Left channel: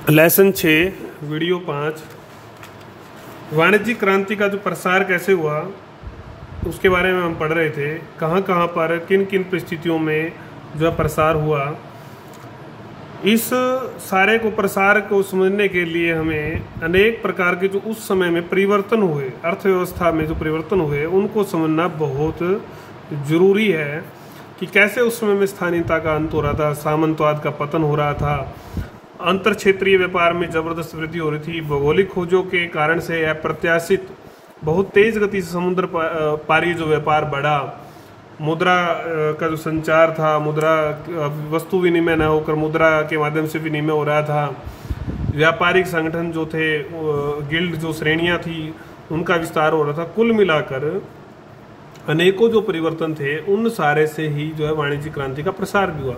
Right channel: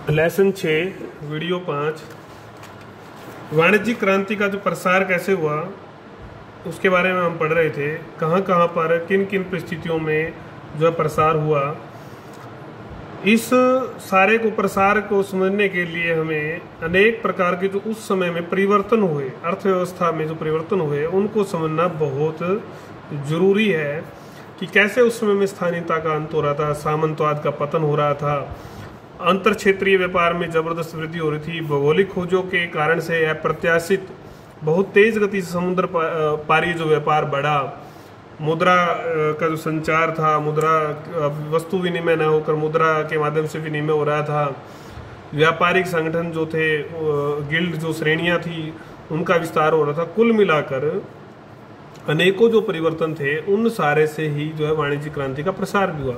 Lesson 6 video 5 वाणिज्यिक क्रांति का जो प्रसार कैसे हुआ उसके बारे में हम पढ़ रहे थे। कहाँ कहाँ पर किन किन परिस्थितियों में जो है प्रसार हुआ। इस सारे को प्रसार को समझने के लिए हमें अनेक प्रकार के जो उस समय में परिवर्तन हुए, अर्थव्यवस्था में जो परिवर्तन हुए उनको समझना बहुत जरूरी है कि कैसे उस समय में स्थानीयता का अंत हो रहा था, सामंतवाद का पतन हो रहा था, अंतर क्षेत्रीय व्यापार में जबरदस्त वृद्धि हो रही थी, भौगोलिक खोजों के कारण से अप्रत्याशित बहुत तेज गति से समुद्र पारी जो व्यापार बढ़ा, मुद्रा का जो संचार था, मुद्रा वस्तु विनिमय न होकर मुद्रा के माध्यम से विनिमय हो रहा था, व्यापारिक संगठन जो थे, गिल्ड जो श्रेणियां थी उनका विस्तार हो रहा था। कुल मिलाकर अनेकों जो परिवर्तन थे उन सारे से ही जो है वाणिज्यिक क्रांति का प्रसार भी हुआ।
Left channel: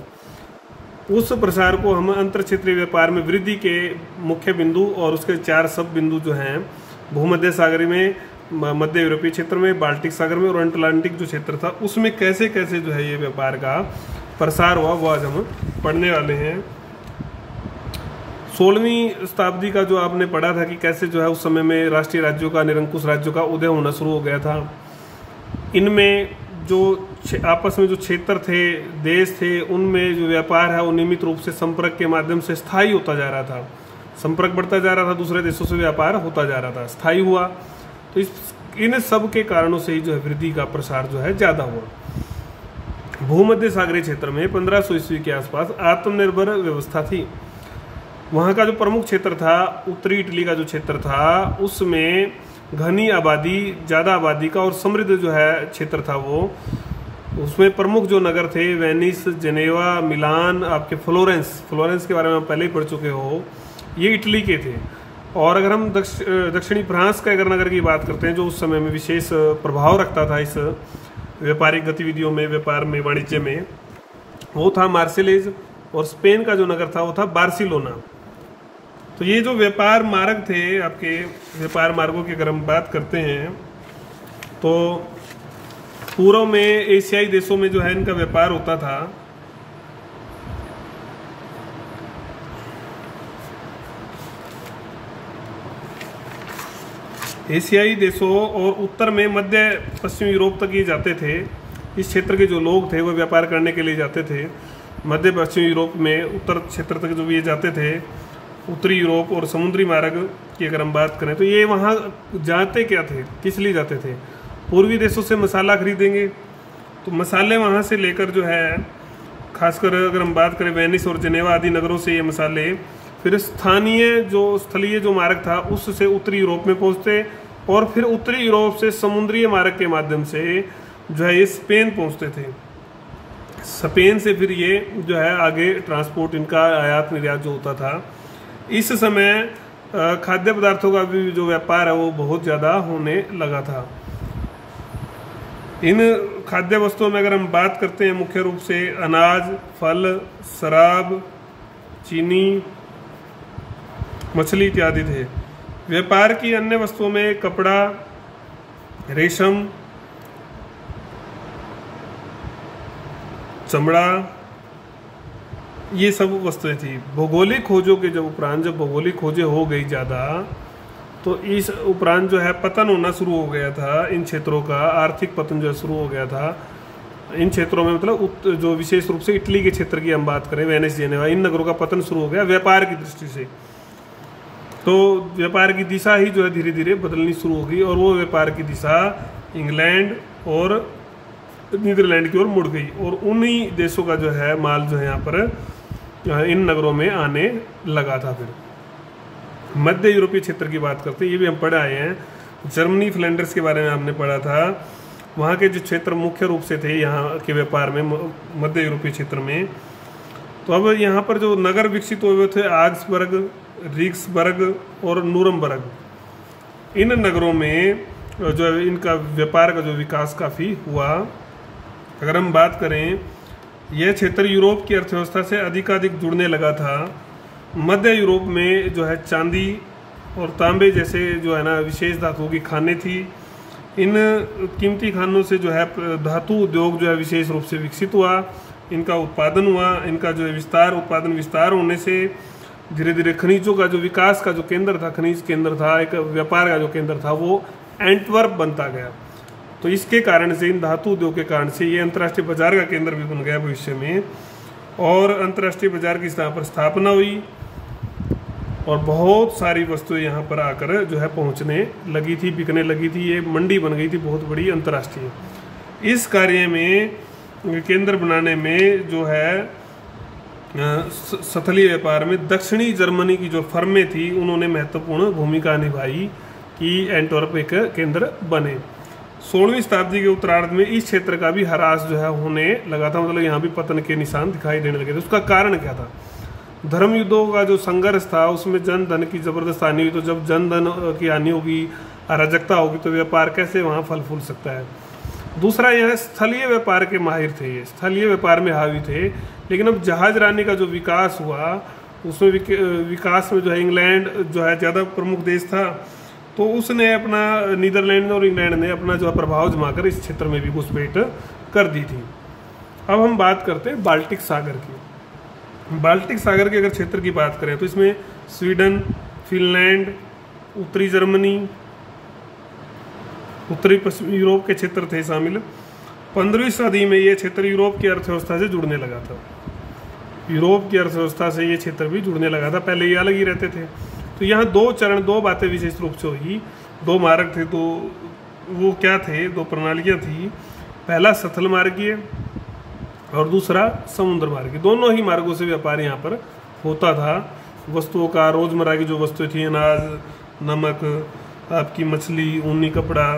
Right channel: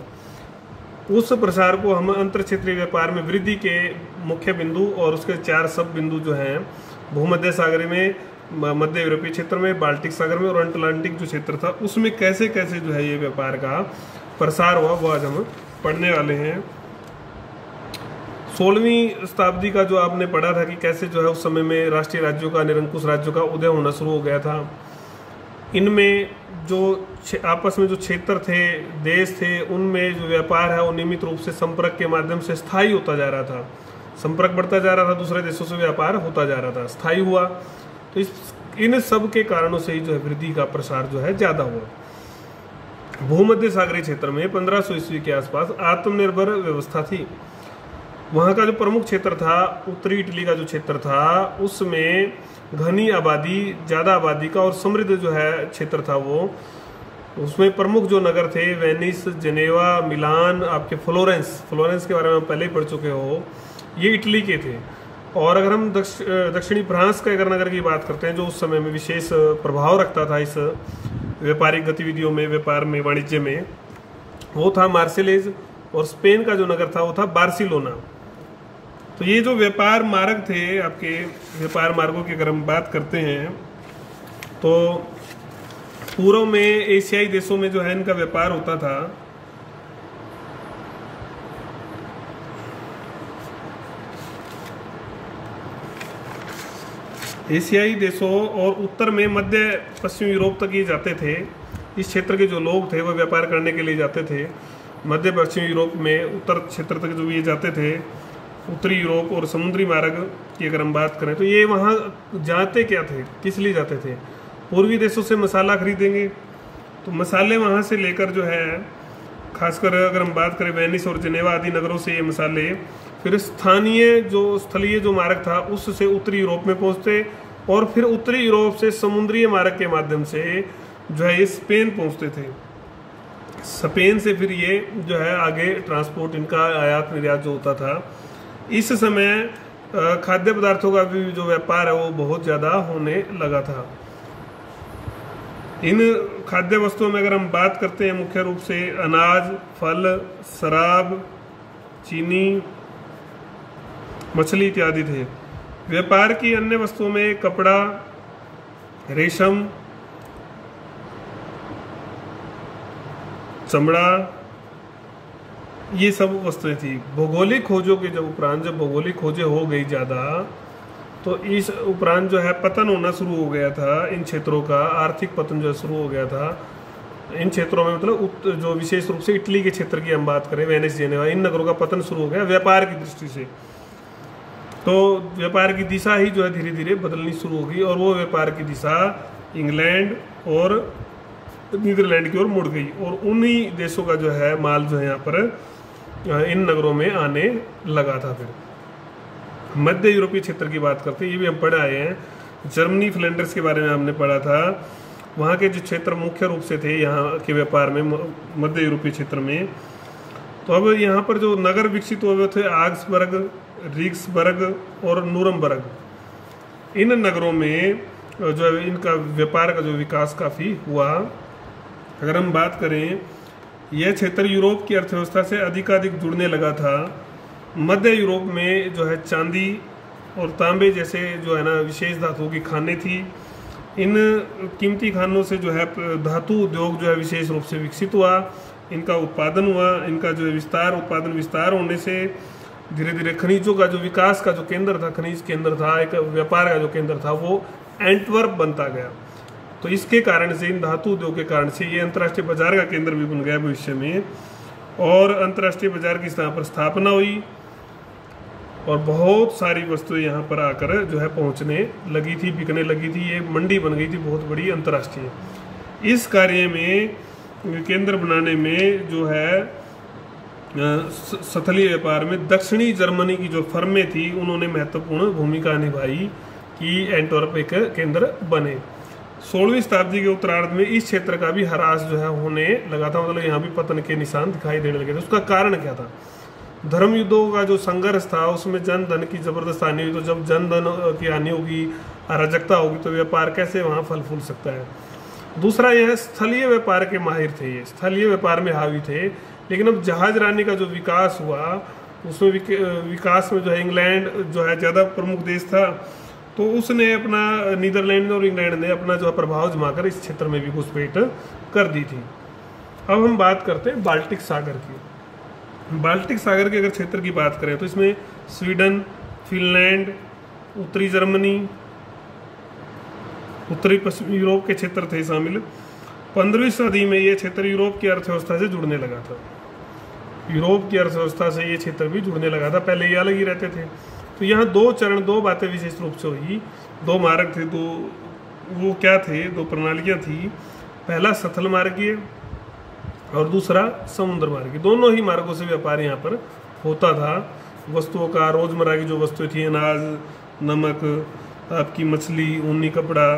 उस प्रसार को हम अंतर क्षेत्रीय व्यापार में वृद्धि के मुख्य बिंदु और उसके 4 सब बिंदु जो हैं भूमध्य सागर में, मध्य यूरोपीय क्षेत्र में, बाल्टिक सागर में और अटलांटिक जो क्षेत्र था उसमें कैसे कैसे जो है ये व्यापार का प्रसार हुआ वो आज हम पढ़ने वाले हैं। 16वीं शताब्दी का जो आपने पढ़ा था कि कैसे जो है उस समय में राष्ट्रीय राज्यों का, निरंकुश राज्यों का उदय होना शुरू हो गया था। इनमें जो आपस में जो क्षेत्र थे, देश थे, उनमें जो व्यापार है वो नियमित रूप से संपर्क के माध्यम से स्थायी होता जा रहा था। संपर्क बढ़ता जा रहा था, दूसरे देशों से व्यापार होता जा रहा था, स्थायी हुआ। तो इन सब के कारणों से ही जो है वृद्धि का प्रसार जो है ज्यादा हुआ। भूमध्य सागरीय क्षेत्र में 1500 ईस्वी के आसपास आत्मनिर्भर व्यवस्था थी। वहां का जो प्रमुख क्षेत्र था, उत्तरी इटली का जो क्षेत्र था, उसमें घनी आबादी, ज्यादा आबादी का और समृद्ध जो है क्षेत्र था वो। उसमें प्रमुख जो नगर थे वेनिस, जेनेवा, मिलान, आपके फ्लोरेंस के बारे में हम पहले ही पढ़ चुके हो, ये इटली के थे। और अगर हम दक्षिणी फ्रांस का अगर नगर की बात करते हैं जो उस समय में विशेष प्रभाव रखता था इस व्यापारिक गतिविधियों में, व्यापार में, वाणिज्य में, वो था मार्सेलेज। और स्पेन का जो नगर था वो था बार्सिलोना। तो ये जो व्यापार मार्ग थे, आपके व्यापार मार्गों की अगर हम बात करते हैं तो पूर्व में एशियाई देशों में जो है इनका व्यापार होता था। एशियाई देशों और उत्तर में मध्य पश्चिम यूरोप तक ये जाते थे। इस क्षेत्र के जो लोग थे वो व्यापार करने के लिए जाते थे। मध्य पश्चिम यूरोप में उत्तर क्षेत्र तक जो ये जाते थे, उत्तरी यूरोप और समुद्री मार्ग की अगर हम बात करें तो ये वहाँ जाते क्या थे, किस लिए जाते थे? पूर्वी देशों से मसाला खरीदेंगे, तो मसाले वहाँ से लेकर जो है, खासकर अगर हम बात करें वेनिस और जेनेवा आदि नगरों से ये मसाले फिर स्थलीय जो मार्ग था उससे उत्तरी यूरोप में पहुँचते और फिर उत्तरी यूरोप से समुद्रीय मार्ग के माध्यम से जो है ये स्पेन पहुँचते थे। स्पेन से फिर ये जो है आगे ट्रांसपोर्ट, इनका आयात निर्यात जो होता था। इस समय खाद्य पदार्थों का भी जो व्यापार है वो बहुत ज़्यादा होने लगा था। इन खाद्य वस्तुओं में अगर हम बात करते हैं मुख्य रूप से अनाज, फल, शराब, चीनी, मछली इत्यादि थे। व्यापार की अन्य वस्तुओं में कपड़ा, रेशम, चमड़ा, ये सब वस्तुएं थी। भौगोलिक खोजों के जब उपरांत, जब भौगोलिक खोजें हो गई ज़्यादा, तो इस उपरांत जो है पतन होना शुरू हो गया था इन क्षेत्रों का, आर्थिक पतन जो है शुरू हो गया था इन क्षेत्रों में। मतलब जो विशेष रूप से इटली के क्षेत्र की हम बात करें, वेनिस, जेनेवा, इन नगरों का पतन शुरू हो गया व्यापार की दृष्टि से। तो व्यापार की दिशा ही जो है धीरे धीरे बदलनी शुरू हो गई और वो व्यापार की दिशा इंग्लैंड और नीदरलैंड की ओर मुड़ गई और उन्हीं देशों का जो है माल जो है यहाँ पर इन नगरों में आने लगा था। फिर मध्य यूरोपीय क्षेत्र की बात करते हैं, ये भी हम पढ़े आए हैं। जर्मनी, फ्लैंडर्स के बारे में हमने पढ़ा था। वहाँ के जो क्षेत्र मुख्य रूप से थे यहाँ के व्यापार में, मध्य यूरोपीय क्षेत्र में। तो अब यहाँ पर जो नगर विकसित हुए थे आग्सबर्ग, रीक्सबर्ग और नूरमबर्ग, इन नगरों में जो है इनका व्यापार का जो विकास काफ़ी हुआ। अगर हम बात करें, यह क्षेत्र यूरोप की अर्थव्यवस्था से अधिकाधिक जुड़ने लगा था। मध्य यूरोप में जो है चांदी और तांबे जैसे जो है ना विशेष धातुओं की खानें थी। इन कीमती खानों से जो है धातु उद्योग जो है विशेष रूप से विकसित हुआ, इनका उत्पादन हुआ। इनका जो है उत्पादन विस्तार होने से धीरे धीरे खनिजों का जो विकास का जो केंद्र था, खनिज केंद्र था, एक व्यापार का जो केंद्र था, वो एंटवर्प बनता गया। तो इसके कारण से, इन धातु उद्योग के कारण से ये अंतर्राष्ट्रीय बाजार का केंद्र भी बन गया भविष्य में, और अंतर्राष्ट्रीय बाजार की यहाँ पर स्थापना हुई और बहुत सारी वस्तुएं यहाँ पर आकर जो है पहुँचने लगी थी, बिकने लगी थी। ये मंडी बन गई थी बहुत बड़ी अंतर्राष्ट्रीय। इस कार्य में, केंद्र बनाने में जो है स्थलीय व्यापार में दक्षिणी जर्मनी की जो फर्में थी उन्होंने महत्वपूर्ण भूमिका निभाई कि एंटवर्प एक केंद्र बने। 16वीं शताब्दी के उत्तरार्ध में इस क्षेत्र का भी ह्रास जो है होने लगा था, मतलब यहाँ भी पतन के निशान दिखाई देने लगे थे। उसका कारण क्या था? धर्म युद्धों का जो संघर्ष था उसमें जन धन की जबरदस्त हानि हुई। तो जब जन धन की हानि होगी, अराजकता होगी, तो व्यापार कैसे वहाँ फल फूल सकता है? दूसरा, यह स्थलीय व्यापार के माहिर थे, ये स्थलीय व्यापार में हावी थे। लेकिन अब जहाजरानी का जो विकास हुआ उसमें विकास में जो है इंग्लैंड जो है ज़्यादा प्रमुख देश था, तो उसने अपना, नीदरलैंड और इंग्लैंड ने अपना जो है प्रभाव जमाकर इस क्षेत्र में भी घुसपैठ कर दी थी। अब हम बात करते हैं बाल्टिक सागर की। बाल्टिक सागर के अगर क्षेत्र की बात करें तो इसमें स्वीडन, फिनलैंड, उत्तरी जर्मनी, उत्तरी पश्चिमी यूरोप के क्षेत्र थे शामिल। 15वीं सदी में ये क्षेत्र यूरोप की अर्थव्यवस्था से जुड़ने लगा था। यूरोप की अर्थव्यवस्था से ये क्षेत्र भी जुड़ने लगा था, पहले ये अलग ही रहते थे। तो यहाँ दो बातें विशेष रूप से हुई, दो मार्ग थे, वो क्या थे, दो प्रणालियाँ थी। पहला स्थल मार्गीय और दूसरा समुद्र मार्गीय। दोनों ही मार्गों से व्यापार यहाँ पर होता था। वस्तुओं का, रोजमर्रा की जो वस्तुएं थी, अनाज, नमक, आपकी मछली, ऊनी कपड़ा,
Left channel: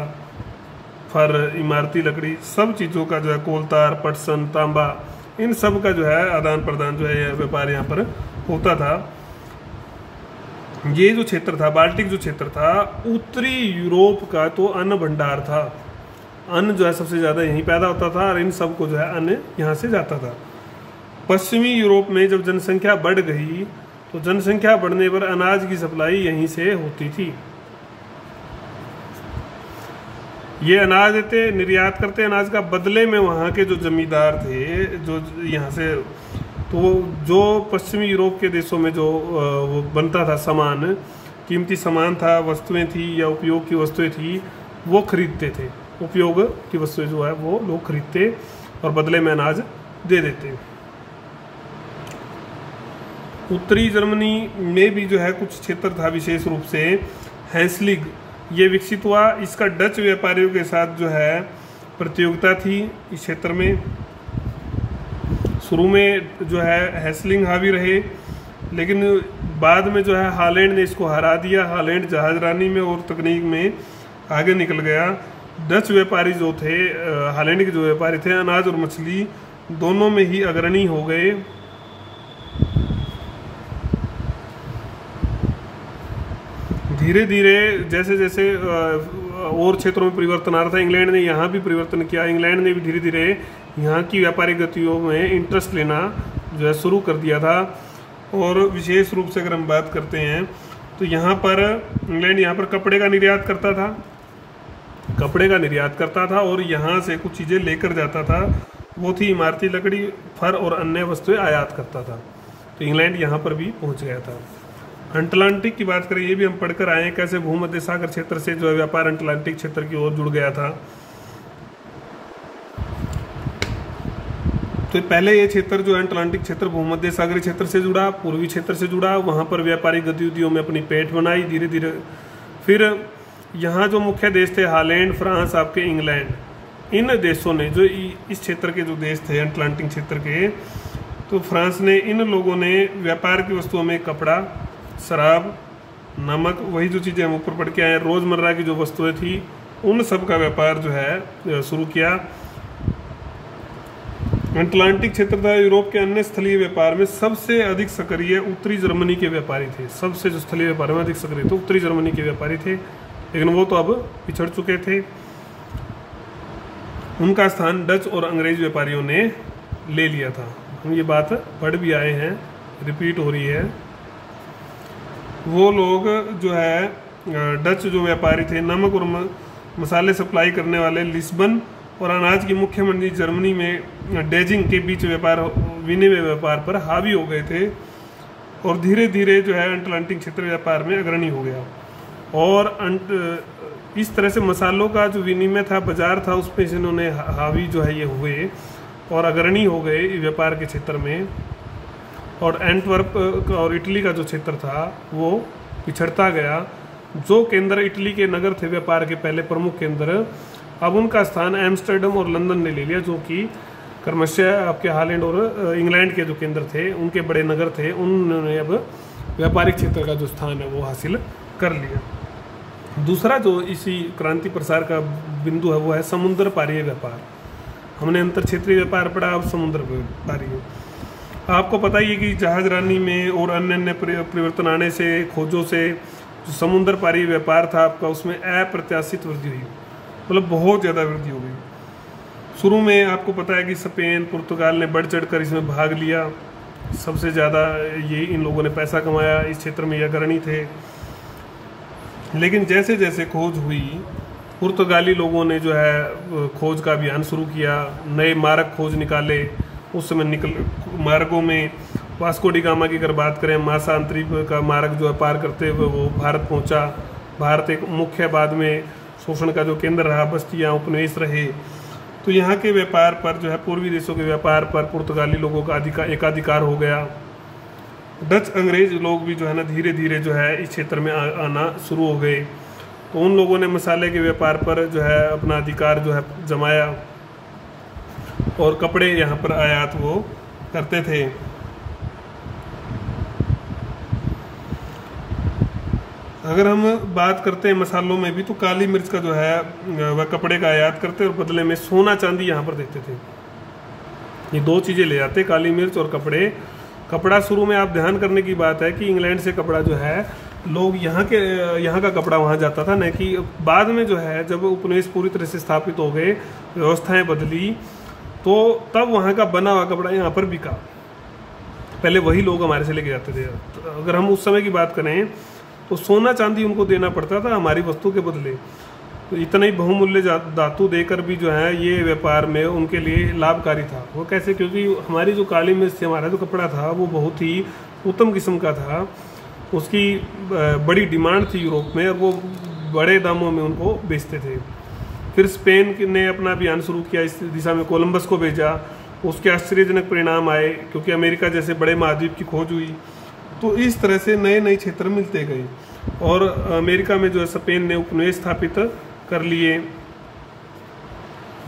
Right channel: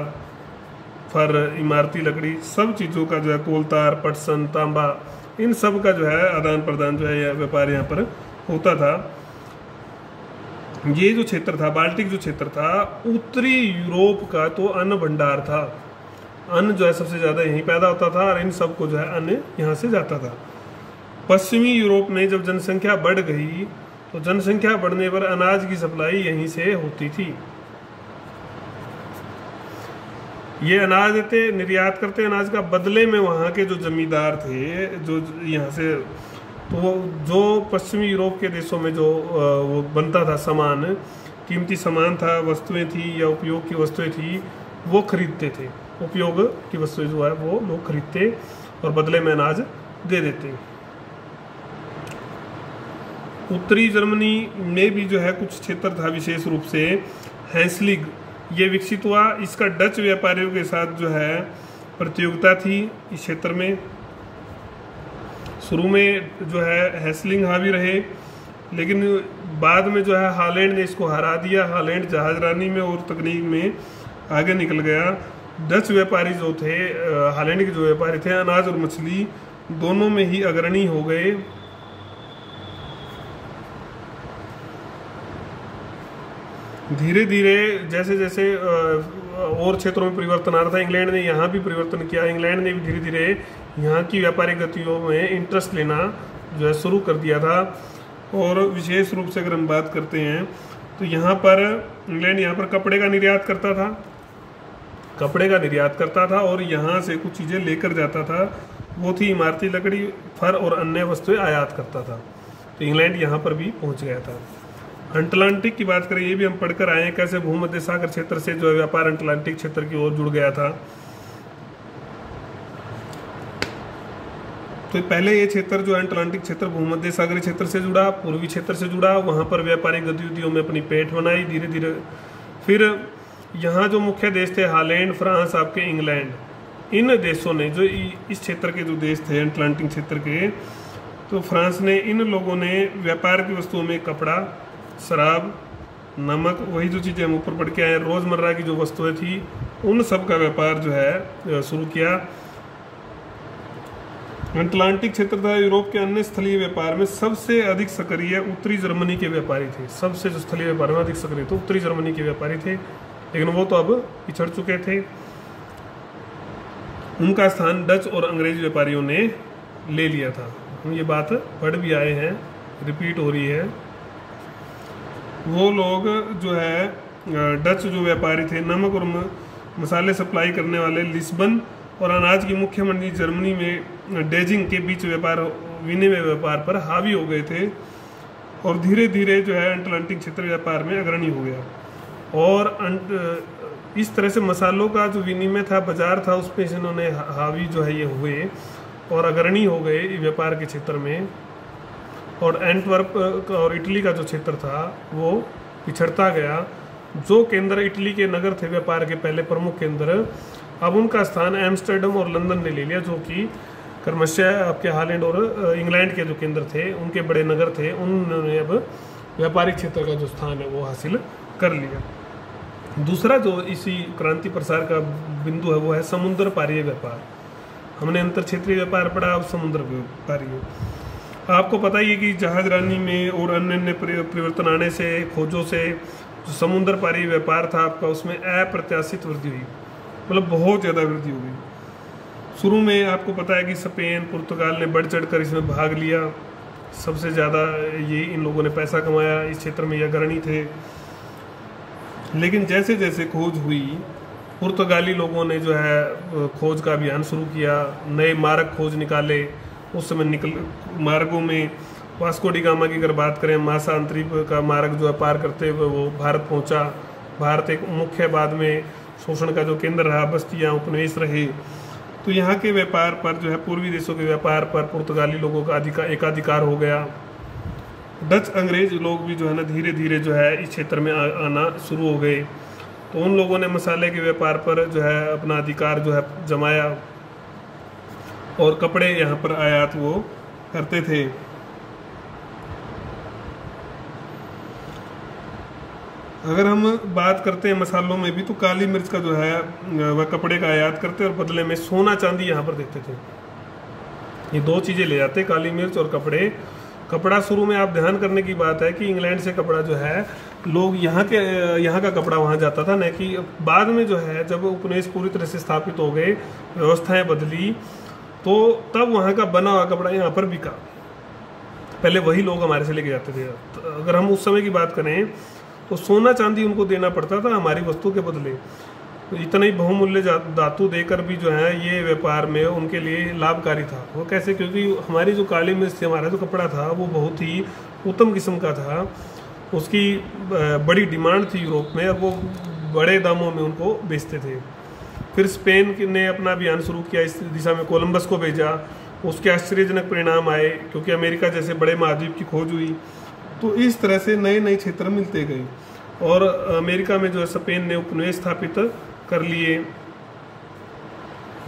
फर, इमारती लकड़ी, सब चीज़ों का जो है, कोलतार, पटसन, तांबा, इन सब का जो है आदान प्रदान जो है व्यापार यहाँ पर होता था। ये जो क्षेत्र था, बाल्टिक जो क्षेत्र था, उत्तरी यूरोप का तो अन्न भंडार था। अन्न जो है सबसे ज़्यादा यहीं पैदा होता था और इन सब को जो है अन्न यहाँ से जाता था। पश्चिमी यूरोप में जब जनसंख्या बढ़ गई तो जनसंख्या बढ़ने पर अनाज की सप्लाई यहीं से होती थी। ये अनाज देते, निर्यात करते अनाज का, बदले में वहाँ के जो जमींदार थे, जो यहाँ से, तो जो पश्चिमी यूरोप के देशों में जो वो बनता था सामान, कीमती सामान था, वस्तुएं थी या उपयोग की वस्तुएं थी, वो खरीदते थे। उपयोग की वस्तुएं जो है वो लोग खरीदते और बदले में अनाज दे देते। उत्तरी जर्मनी में भी जो है कुछ क्षेत्र था, विशेष रूप से हैंसलिग, ये विकसित हुआ। इसका डच व्यापारियों के साथ जो है प्रतियोगिता थी इस क्षेत्र में। शुरू में जो है हैसलिंग हावी रहे, लेकिन बाद में जो है हालैंड ने इसको हरा दिया। हालैंड जहाजरानी में और तकनीक में आगे निकल गया। डच व्यापारी जो थे, हालैंड के जो व्यापारी थे, अनाज और मछली दोनों में ही अग्रणी हो गए। धीरे धीरे जैसे जैसे और क्षेत्रों में परिवर्तन आ रहा था, इंग्लैंड ने यहाँ भी परिवर्तन किया। इंग्लैंड ने भी धीरे धीरे यहाँ की व्यापारिक गतियों में इंटरेस्ट लेना जो है शुरू कर दिया था। और विशेष रूप से अगर हम बात करते हैं तो यहाँ पर इंग्लैंड यहाँ पर कपड़े का निर्यात करता था और यहाँ से कुछ चीज़ें लेकर जाता था। वो थी इमारती लकड़ी, फर और अन्य वस्तुएं आयात करता था। तो इंग्लैंड यहाँ पर भी पहुँच गया था। अटलांटिक की बात करें, ये भी हम पढ़कर आए हैं कैसे भूमध्य सागर क्षेत्र से जो है व्यापार अटलांटिक क्षेत्र की ओर जुड़ गया था। तो पहले ये क्षेत्र जो है अटलांटिक क्षेत्र भूमध्य सागरीय क्षेत्र से जुड़ा, पूर्वी क्षेत्र से जुड़ा, वहाँ पर व्यापारिक गतिविधियों में अपनी पेठ बनाई धीरे धीरे। फिर यहाँ जो मुख्य देश थे, हालैंड, फ्रांस, आपके इंग्लैंड, इन देशों ने, जो इस क्षेत्र के जो देश थे अटलांटिक क्षेत्र के, तो फ्रांस ने, इन लोगों ने व्यापार की वस्तुओं में कपड़ा, शराब, नमक, वही जो चीज़ें हम ऊपर पढ़ के आए, रोज़मर्रा की जो वस्तुएं थी, उन सब का व्यापार जो है शुरू किया। अटलांटिक क्षेत्र था यूरोप के अन्य स्थलीय व्यापार में सबसे अधिक सक्रिय उत्तरी जर्मनी के व्यापारी थे। सबसे जो स्थलीय व्यापार में अधिक सक्रिय थे उत्तरी जर्मनी के व्यापारी थे, लेकिन वो तो अब पिछड़ चुके थे। उनका स्थान डच और अंग्रेज व्यापारियों ने ले लिया था। हम ये बात पढ़ भी आए हैं, रिपीट हो रही है। वो लोग जो है डच जो व्यापारी थे, नमक और मसाले सप्लाई करने वाले लिस्बन और अनाज की मुख्य मंडी जर्मनी में डेजिंग के बीच व्यापार, विनिमय व्यापार पर हावी हो गए थे। और धीरे धीरे जो है अटलांटिक क्षेत्र व्यापार में अग्रणी हो गया। और इस तरह से मसालों का जो विनिमय था, बाजार था, उस पर इन्होंने हावी जो है ये हुए और अग्रणी हो गए व्यापार के क्षेत्र में। और एंटवर्प और इटली का जो क्षेत्र था वो पिछड़ता गया। जो केंद्र इटली के नगर थे व्यापार के पहले प्रमुख केंद्र, अब उनका स्थान एम्स्टर्डम और लंदन ने ले लिया, जो कि क्रमशः आपके हॉलैंड और इंग्लैंड के जो केंद्र थे, उनके बड़े नगर थे, उन्होंने अब व्यापारिक क्षेत्र का जो स्थान है वो हासिल कर लिया। दूसरा जो इसी क्रांति प्रसार का बिंदु है वो है समुद्र पारीय व्यापार। हमने अंतर क्षेत्रीय व्यापार पढ़ा, अब समुद्र पारीय। आपको पता ही है कि जहाजरानी में और अन्य परिवर्तन आने से, खोजों से जो समुद्र पारीय व्यापार था आपका, उसमें अप्रत्याशित वृद्धि हुई, मतलब बहुत ज़्यादा वृद्धि हो गई। शुरू में आपको पता है कि स्पेन, पुर्तगाल ने बढ़ चढ़ कर इसमें भाग लिया, सबसे ज़्यादा ये इन लोगों ने पैसा कमाया, इस क्षेत्र में ये अग्रणी थे। लेकिन जैसे जैसे खोज हुई, पुर्तगाली लोगों ने जो है खोज का अभियान शुरू किया, नए मार्ग खोज निकाले। उस समय मार्गों में वास्को डी गामा की अगर बात करें, मासा अंतरिप का मार्ग जो है पार करते हुए वो भारत पहुंचा। भारत एक मुख्य, बाद में शोषण का जो केंद्र रहा, बस्तियां, उपनिवेश रहे। तो यहाँ के व्यापार पर जो है, पूर्वी देशों के व्यापार पर पुर्तगाली लोगों का एकाधिकार हो गया। डच अंग्रेज लोग भी जो है ना धीरे धीरे जो है इस क्षेत्र में आना शुरू हो गए। तो उन लोगों ने मसाले के व्यापार पर जो है अपना अधिकार जो है जमाया और कपड़े यहाँ पर आयात वो करते थे। अगर हम बात करते हैं मसालों में भी, तो काली मिर्च का जो है वह कपड़े का आयात करते और बदले में सोना चांदी यहाँ पर देते थे। ये दो चीज़ें ले जाते, काली मिर्च और कपड़े। कपड़ा शुरू में आप ध्यान करने की बात है कि इंग्लैंड से कपड़ा जो है लोग यहाँ का कपड़ा वहाँ जाता था, न कि बाद में जो है जब उपनिवेश पूरी तरह से स्थापित हो गए, व्यवस्थाएं बदली, तो तब वहाँ का बना हुआ कपड़ा यहाँ पर बिका। पहले वही लोग हमारे से लेके जाते थे। तो अगर हम उस समय की बात करें तो सोना चांदी उनको देना पड़ता था हमारी वस्तु के बदले। तो इतना ही बहुमूल्य धातु देकर भी जो है ये व्यापार में उनके लिए लाभकारी था। वो कैसे? क्योंकि हमारी जो काली मिर्च थी, हमारा जो कपड़ा था, वो बहुत ही उत्तम किस्म का था, उसकी बड़ी डिमांड थी यूरोप में, और वो बड़े दामों में उनको बेचते थे। फिर स्पेन ने अपना अभियान शुरू किया, इस दिशा में कोलंबस को भेजा। उसके आश्चर्यजनक परिणाम आए, क्योंकि अमेरिका जैसे बड़े महाद्वीप की खोज हुई। तो इस तरह से नए नए क्षेत्र मिलते गए, और अमेरिका में जो है स्पेन ने उपनिवेश स्थापित कर लिए।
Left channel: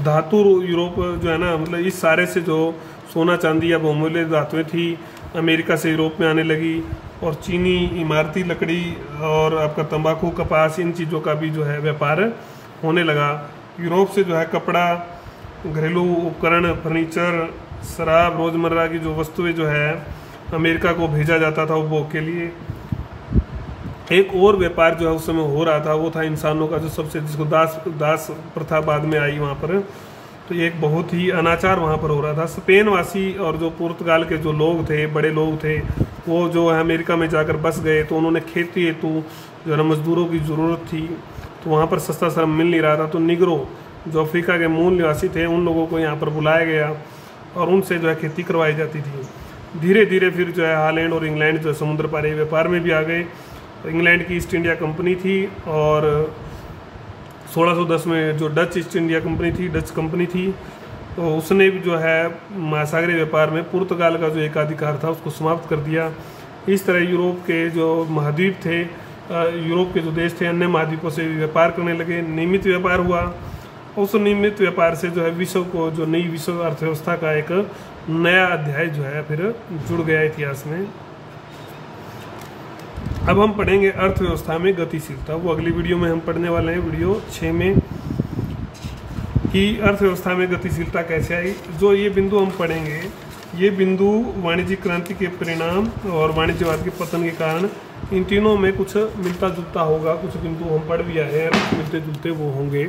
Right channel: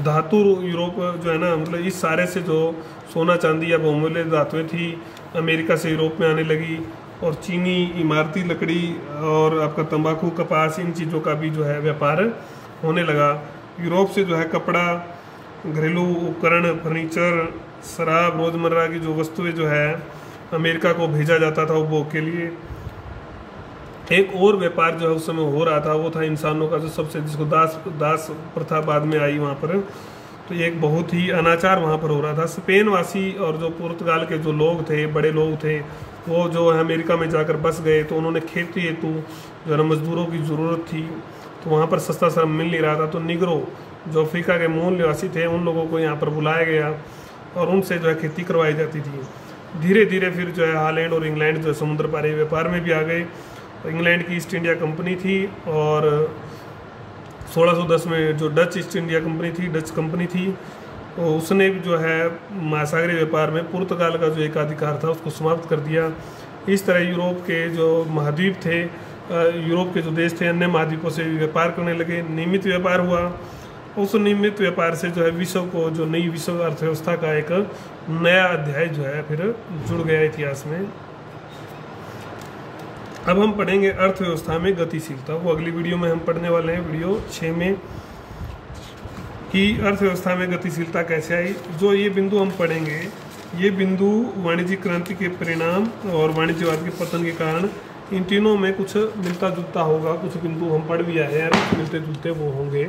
धातु यूरोप जो है ना, मतलब इस सारे से जो सोना चांदी या बहुमूल्य धातुएं थी, अमेरिका से यूरोप में आने लगी। और चीनी, इमारती लकड़ी और आपका तंबाकू, कपास, इन चीज़ों का भी जो है व्यापार होने लगा। यूरोप से जो है कपड़ा, घरेलू उपकरण, फर्नीचर, शराब, रोज़मर्रा की जो वस्तुएं जो है अमेरिका को भेजा जाता था उपभोग के लिए। एक और व्यापार जो है उस समय हो रहा था, वो था इंसानों का, जो सबसे जिसको दास प्रथा बाद में आई वहाँ पर। तो ये एक बहुत ही अनाचार वहाँ पर हो रहा था। स्पेन वासी और जो पुर्तगाल के जो लोग थे, बड़े लोग थे, वो जो है अमेरिका में जाकर बस गए। तो उन्होंने खेती हेतु जो है मजदूरों की ज़रूरत थी, तो वहाँ पर सस्ता श्रम मिल नहीं रहा था। तो निग्रो जो अफ्रीका के मूल निवासी थे, उन लोगों को यहाँ पर बुलाया गया और उनसे जो है खेती करवाई जाती थी। धीरे धीरे फिर जो है हॉलैंड और इंग्लैंड जो समुद्र पारी व्यापार में भी आ गए। इंग्लैंड की ईस्ट इंडिया कंपनी थी, और 1610 में जो डच ईस्ट इंडिया कंपनी थी, डच कंपनी थी, तो उसने भी जो है महासागरीय व्यापार में पुर्तगाल का जो एकाधिकार था उसको समाप्त कर दिया। इस तरह यूरोप के जो महाद्वीप थे, यूरोप के जो देश थे, अन्य महाद्वीपों से व्यापार करने लगे। नियमित व्यापार हुआ। उस नियमित व्यापार से जो है विश्व को, जो नई विश्व अर्थव्यवस्था का एक नया अध्याय जो है फिर जुड़ गया इतिहास में। अब हम पढ़ेंगे अर्थव्यवस्था में गतिशीलता। वो अगली वीडियो में हम पढ़ने वाले हैं, वीडियो 6 में, कि अर्थव्यवस्था में गतिशीलता कैसे आई। जो ये बिंदु हम पढ़ेंगे, ये बिंदु वाणिज्यिक क्रांति के परिणाम और वाणिज्यवाद के पतन के कारण इन तीनों में कुछ मिलता जुलता होगा। कुछ बिंदु हम पढ़ भी आए हैं, मिलते जुलते वो होंगे।